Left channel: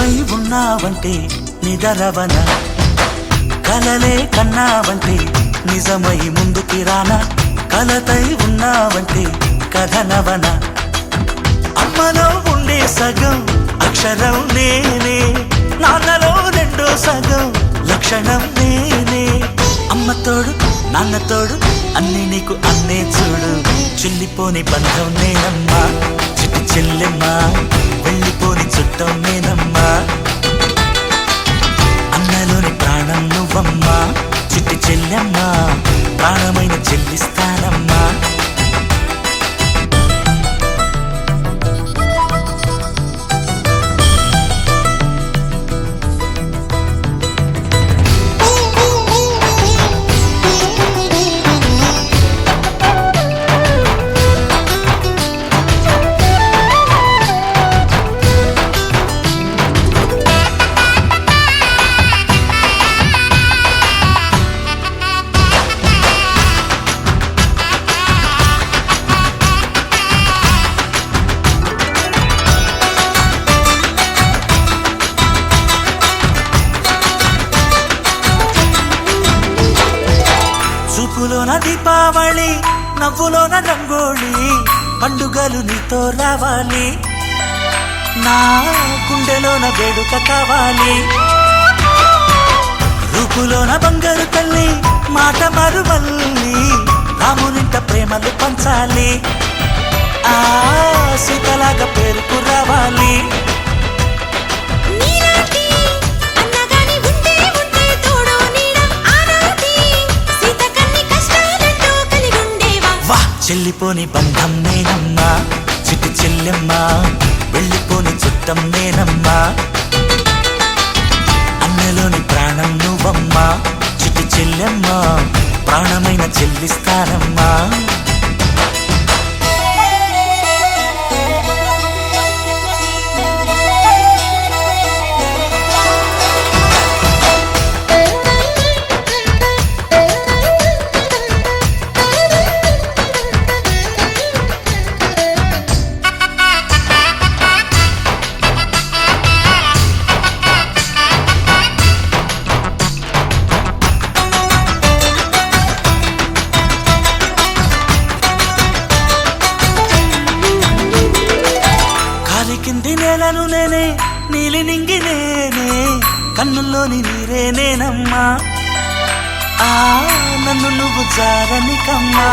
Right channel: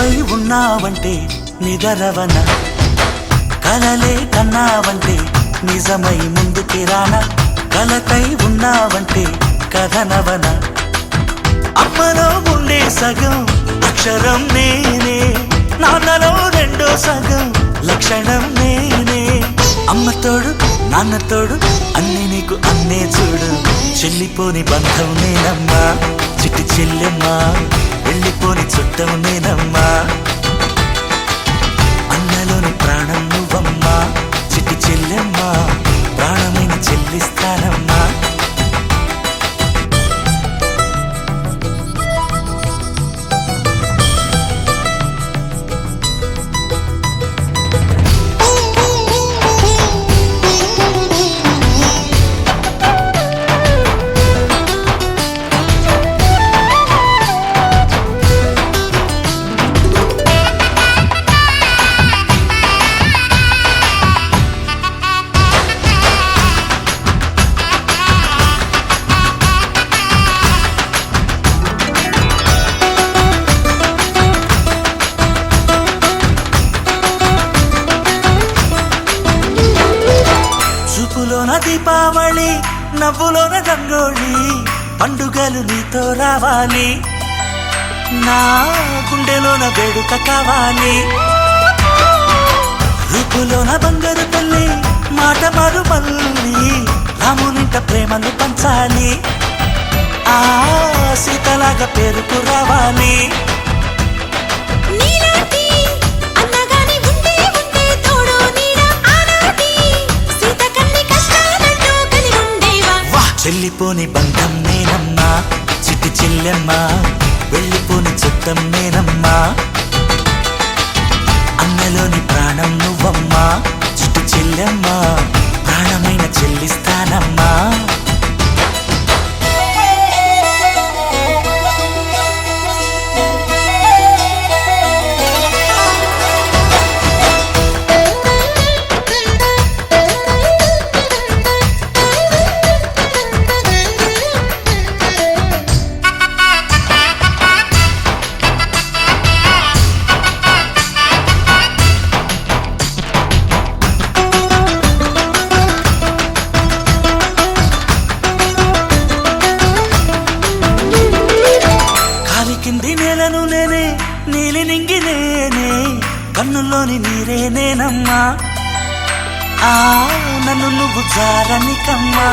కలపై ఉన్నావంటే నిదరవన, కలలే కన్నావంటే నిజమై ముందుకి రానా, కలతై ఉన్నావంటే కథనవన. అమ్మలో ఉండే సగం అక్షరం నేనే, నాన్నలో రెండో సగం లక్షణం నేనే. అమ్మ తోడు నాన్న తోడు అన్ని నీకు అన్నే చూడు, చెల్లిపోని బంధం నేనమ్మా, చిటి చెల్లెమ్మా, వెళ్ళిపోని చుట్టం నేనమ్మా. అన్నలోని ప్రాణం నువ్వమ్మా, చిటి చెల్లెమ్మా, ప్రాణమైన చెల్లిస్తానమ్మా. చూపులోన దీపావళి, నవ్వులోన రంగోళి, పండుగలు నీతో రావాలి, నా గుండెలోన వేడుక కావాలి. రూపులోన దొంగలు తల్లి, మాట పరుమల్లి, రామునింట ప్రేమలు పంచాలి, ఆ సీతలాగా పేరుకు రావాలి. వెళ్ళిపోని బంధం నేనమ్మా, చిట్టి చెల్లెమ్మా, వెళ్ళిపోని చుట్టం నేనమ్మా. అన్నలోని ప్రాణం నువ్వమ్మా, చిట్టి చెల్లెమ్మా, ప్రాణమైన చెల్లిస్తానమ్మా. నేలను నేనే, నీలి నింగి నేనే, కన్నుల్లోని నీరే నేనమ్మా, ఆ నన్ను నువ్వు జారనికమ్మా.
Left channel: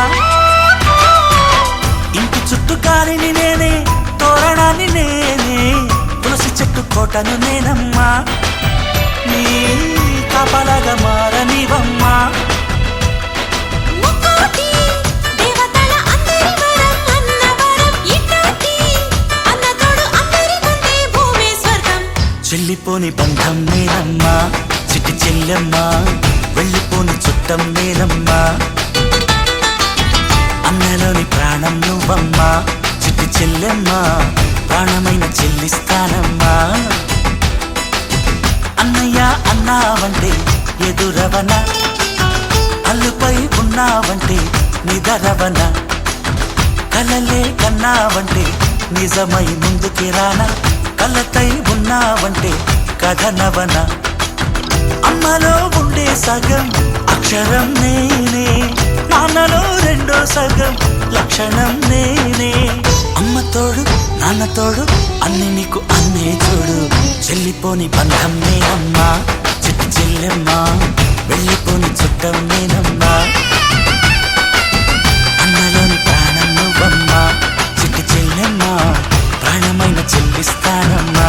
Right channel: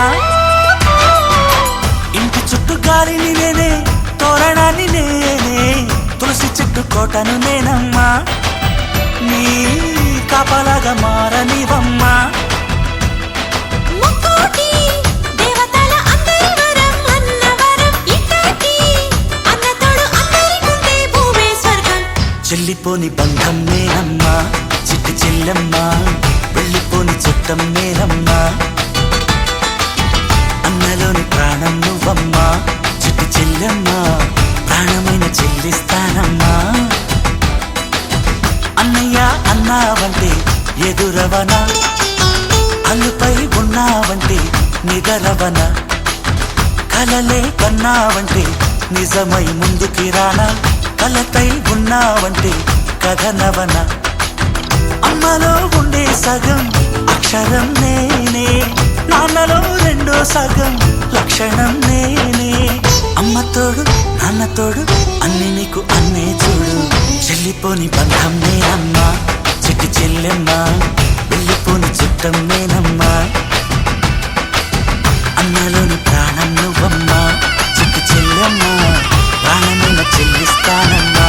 ఇంటి చుట్టూ కాలిని నేనే, తోరణాన్ని నేనే, తులసి చెట్టు కోటను నేనమ్మా, నీ కాపలాగా మారనివమ్మా. చెల్లిపోని బంధం నేనమ్మా, చిటి చెల్లెమ్మా, వెళ్ళిపోని చుట్టం నేనమ్మా. అన్నలోని ప్రాణం నువ్వమ్మా, చిటి చెల్లెమ్మా, ప్రాణమైన చెల్లిస్తానమ్మా. అన్నయ్య అన్నావంటే ఎదురవన, అల్లుపై ఉన్నావంటే నిదరవన, కలలే కన్నావంటే నిజమై ముందుకి రానా, కలతై ఉన్నావంటే కథనవన. అమ్మలో ఉండే సగం అక్షరం నేనే, నాన్నలో రెండో సగం లక్షణం నేనే. అమ్మ తోడు నాన్న తోడు అన్ని నీకు అన్నే చూడు, చెల్లిపోని బంధం నేనమ్మా, చిట్టి చెల్లెమ్మా, వెళ్ళిపోని చుట్టం నేనమ్మా. అన్నలోని ప్రాణం నువ్వమ్మా, చిట్టి చెల్లెమ్మా, ప్రాణమైన చెల్లిస్తానమ్మా.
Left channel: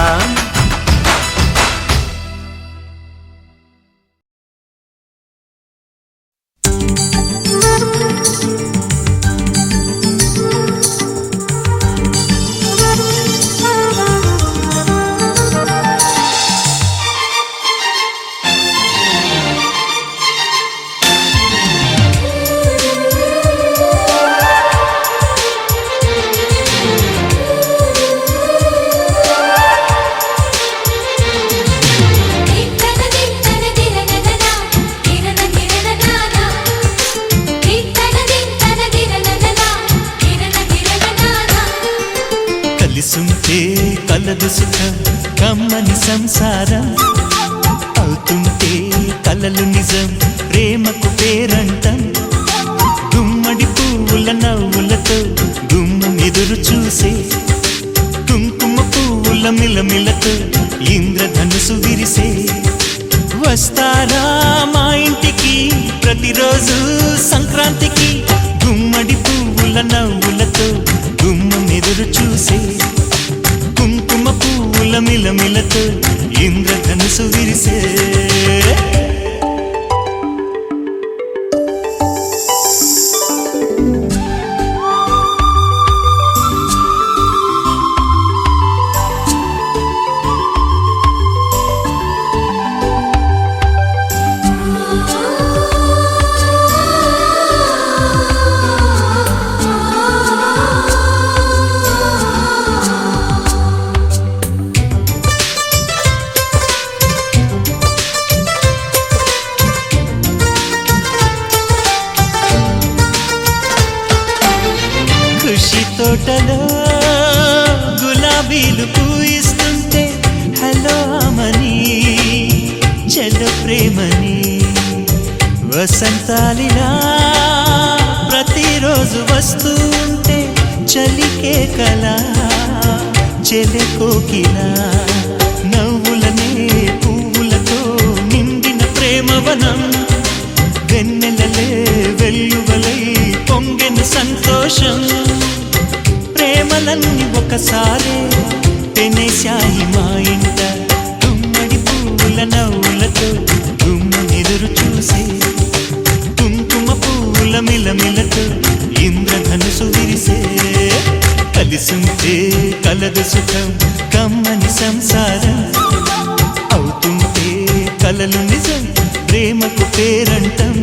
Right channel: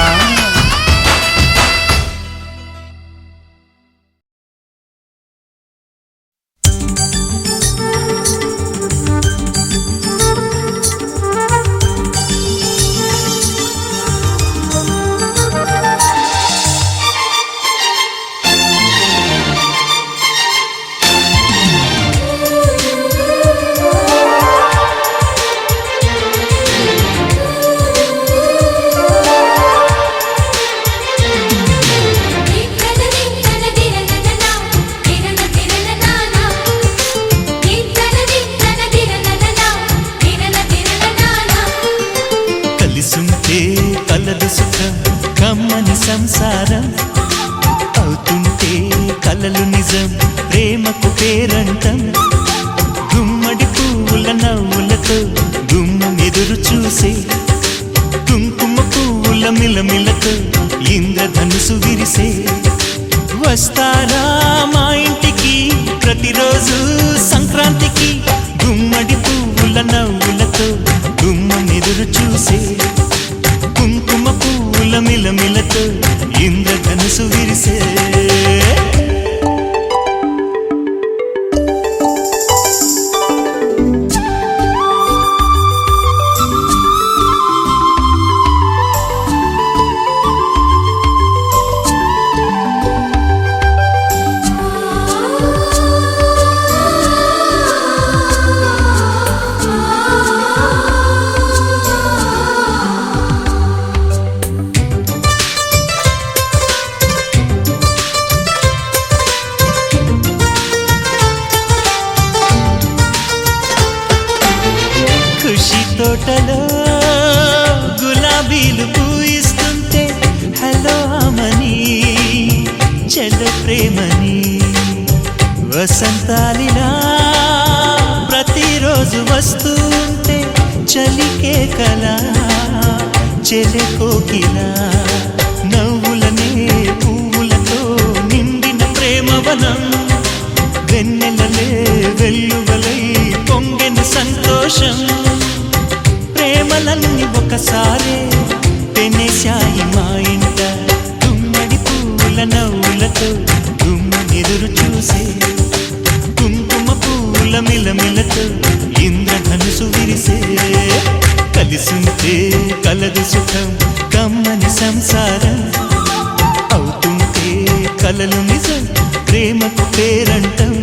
సంసారం అవుతుంటే కలలు నిజం ప్రేమకు పేరంటం గుమ్మడి పువ్వుల నవ్వులతో గుమ్మం ఎదురు చూసే కుంకుమ పువ్వుల మిలమిలతో ఇంద్రధనుసు విరిసే వస్తారా మా ఇంటికి ప్రతిరోజు సంక్రాంతికి గుమ్మడి పువ్వుల నవ్వులతో గుమ్మం ఎదురు చూసే కుంకుమ పువ్వుల మిలమిలతో ఇంద్రధనుసు విరిసే ఖుషి తోటలో గులాబీలు పూయిస్తుంటే హలో అమని చెల్లు ప్రేమని వసంతాలిలా ప్రతిరోజు వస్తూ ఉంటే చలికే కలా చెలె కోకిలా నవ్వులనే పువ్వులతో నిండిన ప్రేమవనం వెన్నెలలే వెల్లువలై పొంగెను సంతోషం ప్రేమలన్నీ ఒకసారే పెనేశాయి మా ఇంట గుమ్మడి పువ్వుల నవ్వులతో గుమ్మనెదురు చూసే కుంకుమ పువ్వుల మిలమిలతో ఇంద్రధనుసు విరిసే కలిసుంటే కలదు సుఖం కమ్మని సంసారం అవుతుంటే కలలు నిజం ప్రేమకు పేరంటం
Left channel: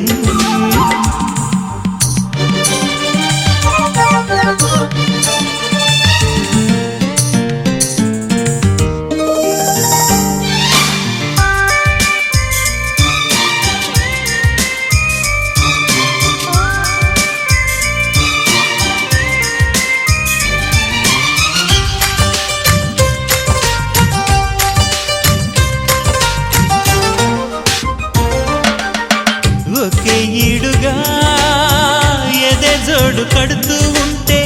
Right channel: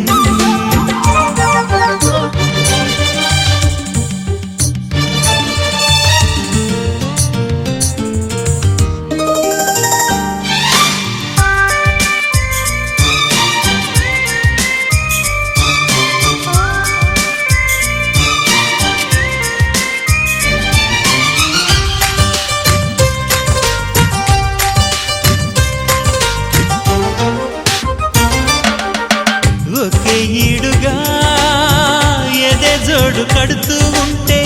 ఒకే ఈడుగా ఎదే జోడు కడుతూ ఉంటే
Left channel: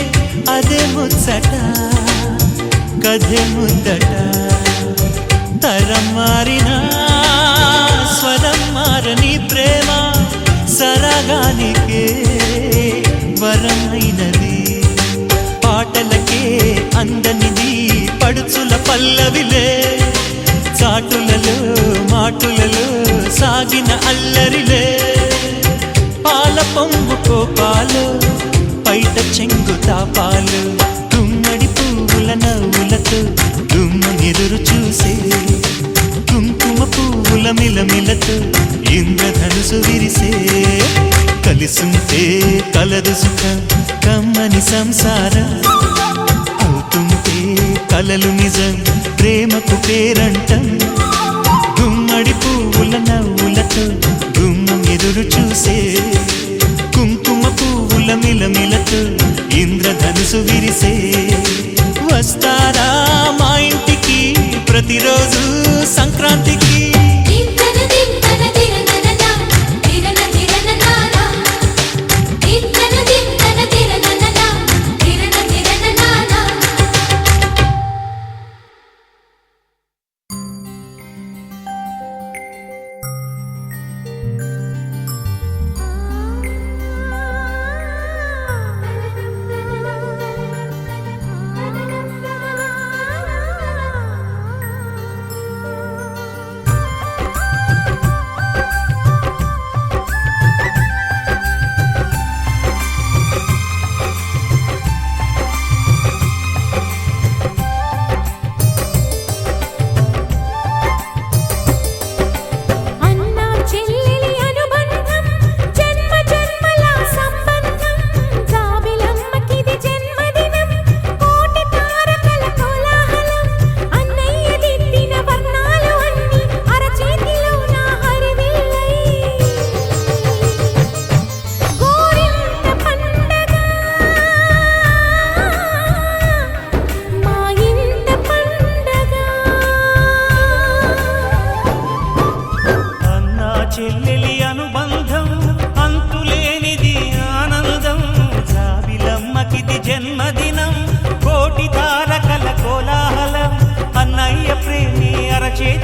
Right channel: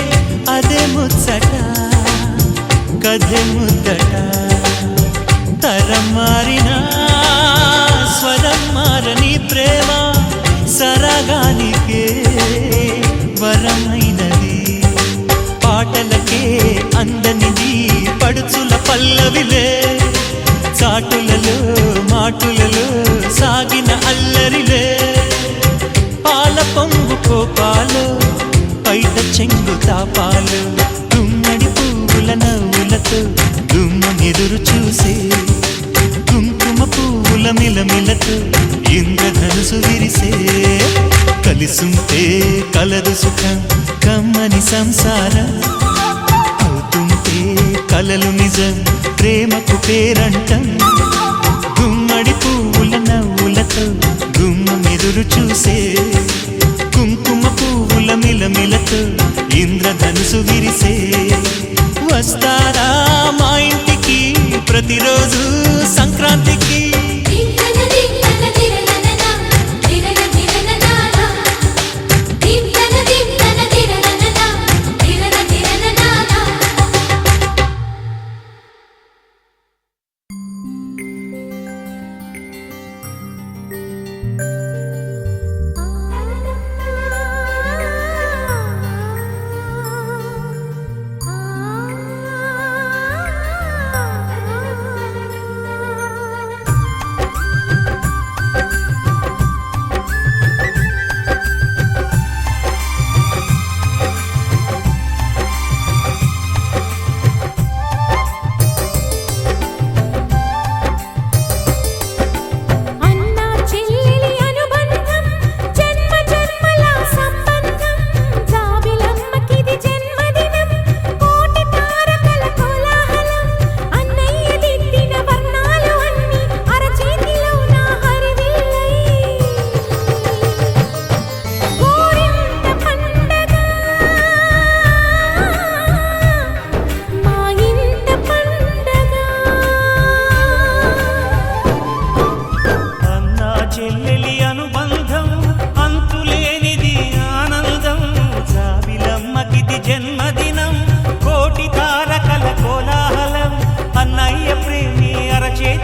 అదే ముచ్చట కథే ముద్దట తరం మారినా స్వరం మారని ప్రేమ సరగానికే వరమైనది పాటలకే అందనిది పడుచుల పల్లవిలే చాటులలో మాటులలో సాగిన అల్లరిలే పాల పొంగు కోపాలు పైట చెంగు తాపాలు గుమ్మడి పువ్వుల నవ్వులతో గుమ్మనెదురు చూసే కుంకుమ పువ్వుల మిలమిలతో ఇంద్రధనుసు విరిసే కలిసుంటే కలదు సుఖం కమ్మని సంసారం అవుతుంటే కలలు నిజం ప్రేమకు పేరంటం గుమ్మడి పువ్వుల నవ్వులతో గుమ్మం ఎదురు చూసే కుంకుమ పువ్వుల మిలమిలతో ఇంద్రధనుసు విరిసే వస్తారా మా ఇంటికి ప్రతిరోజు సంక్రాంతికి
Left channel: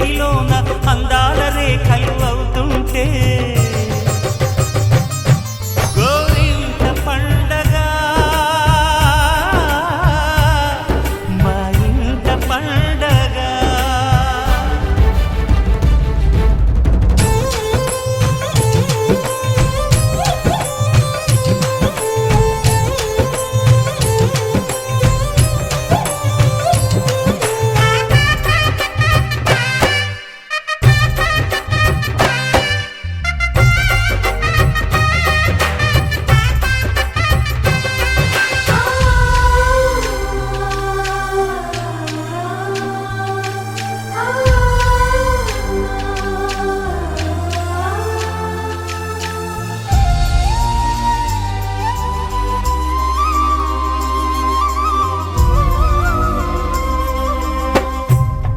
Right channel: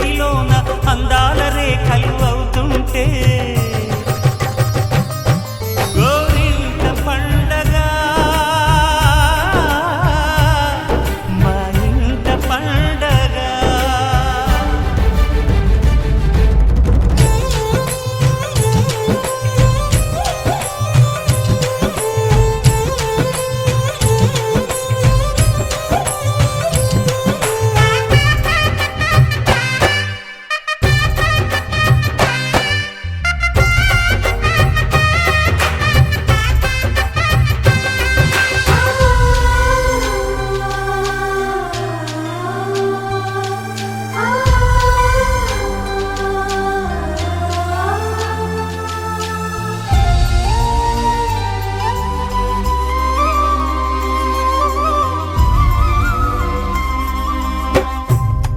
చేతిలోన అందాల రేఖలు అవుతుంటే గోరింట పండగ మా ఇంట పండగ.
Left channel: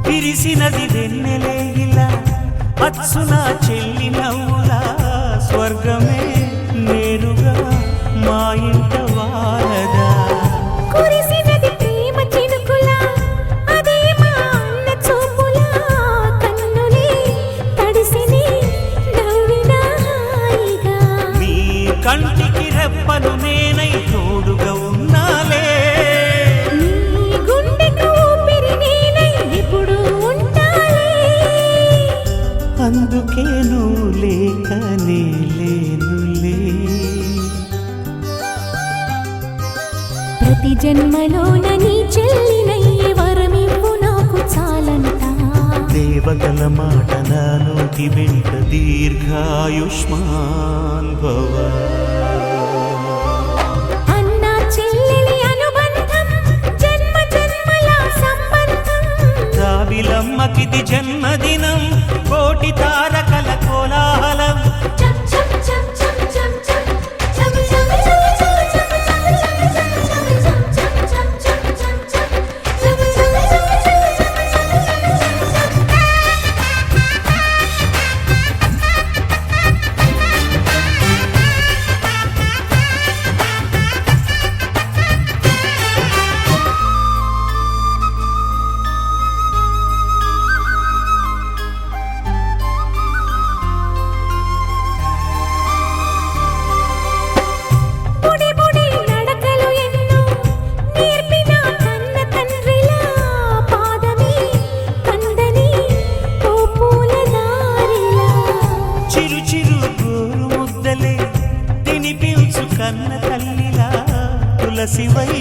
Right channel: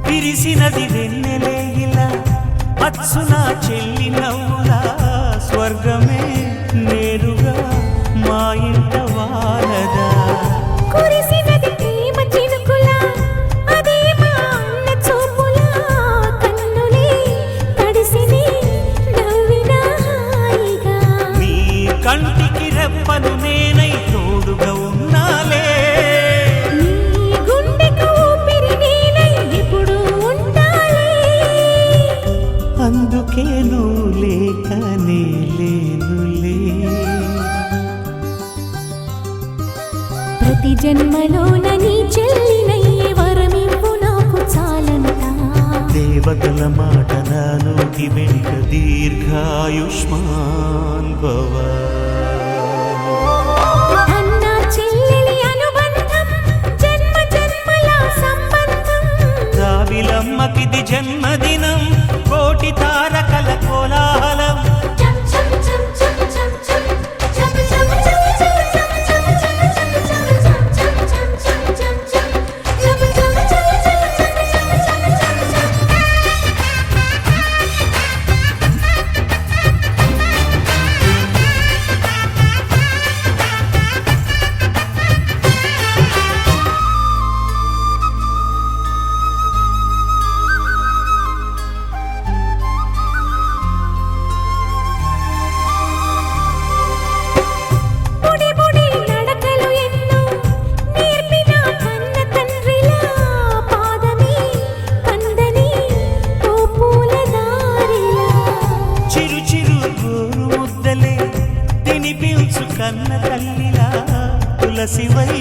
విరిసినది వెన్నెలే ఇలా అచ్చున చెల్లి నవ్వులా స్వర్గమే నేరుగా మా ఇంట వాలదా. కురిసినది ప్రేమ చినుకులా అదే మా అన్న చూపులా కన్నులే తడిసిని నవ్వినా హాయిగా. నీ కంటికి రెప్పను నేనై తోడుగా ఉన్నాలే. నీ గుండెకు ఊపిరి నేనై ఎప్పుడు ఉంటాలే. అందుకే నువ్వు లేకనే లేనులే. ప్రతి జన్మలోన నీ చెల్లినయ్యే వరమివ్వు నాకు చాలంట. దేవతల మాట నా నోటి వెంట దీర్ఘాయుష్మాన్ భవ. అన్న చెల్లెలి అనుబంధం జన్మ జన్మల సంబంధం. జాబిలమ్మకిది జన్మదినం కోటి తారకల కోలాహలం. బుడి బుడి నడకలు ఎన్నో నేర్పిన కన్న తండ్రిలా పాదమే కందని ఓ పూల దారిలా. చిరు చిరు గోరు ముద్దలే తినిపించు కన్న తల్లిలా తులసివై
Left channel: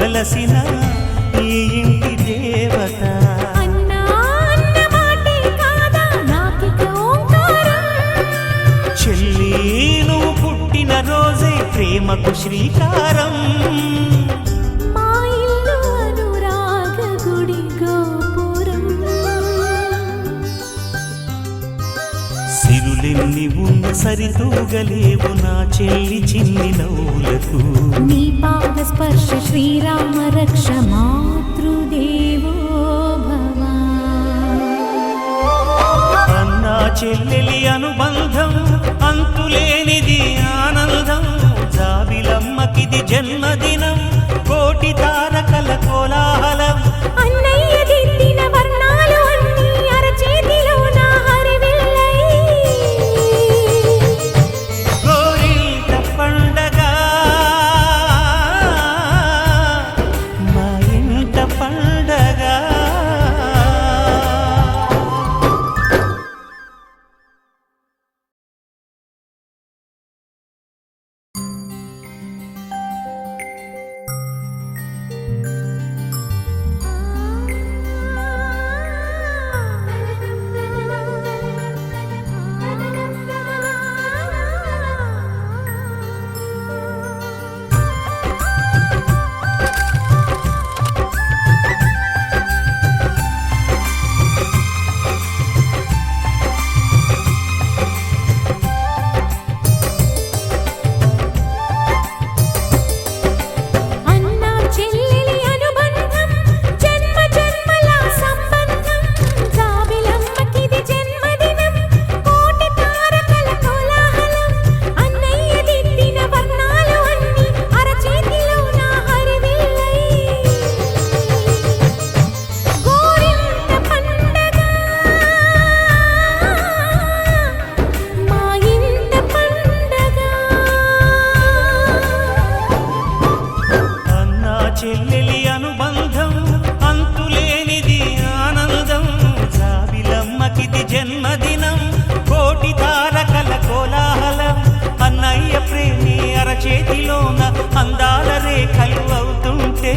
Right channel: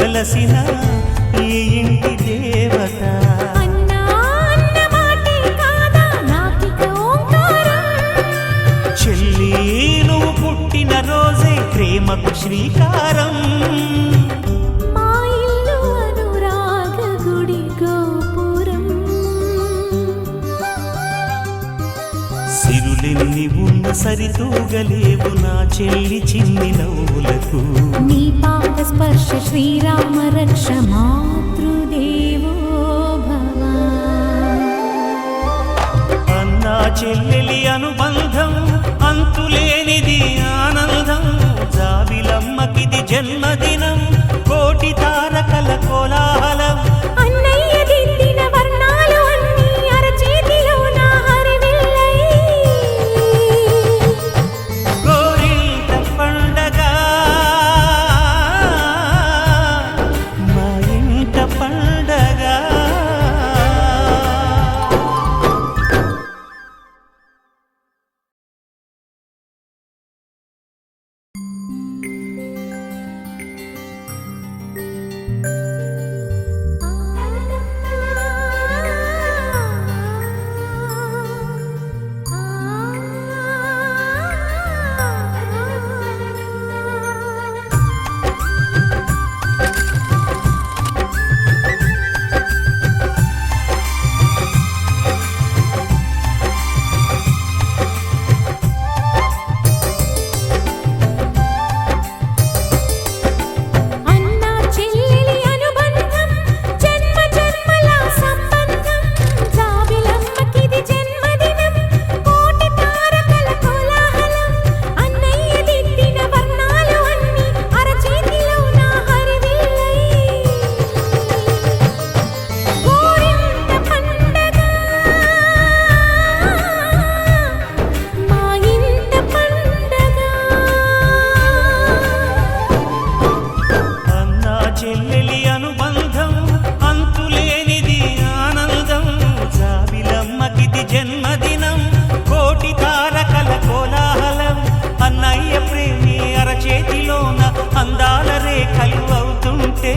వెలసిన ఈ ఇంటి దేవత. అన్నా అన్న మాటే కాదా నాకిక ఓంకారం. చెల్లి నువ్వు పుట్టిన రోజే ప్రేమకు శ్రీకారం. మా ఇల్లు అనురాగ గుడి గోపురం. సిరులెన్ని ఉన్న సరితూగలేవు నా చెల్లి చిన్ని నవ్వులకు. నీ పాద స్పర్శ శ్రీరామ రక్ష మాతృదేవో భవ. అన్నా చెల్లెలి అనుబంధం అంతులేనిది ఆనందం. జాబిలమ్మకిది జన్మదినం కోటి తారకల కోలాహలం. అన్నయ్య దిద్దిన వర్ణాలు అన్నీ అరచేతిలో నా హరివిల్లై. గోరింట పండగ మా ఇంట పండగ. ఆ ప్రేమి అరచేతిలోన అందాల రేఖలు అవుతుంటే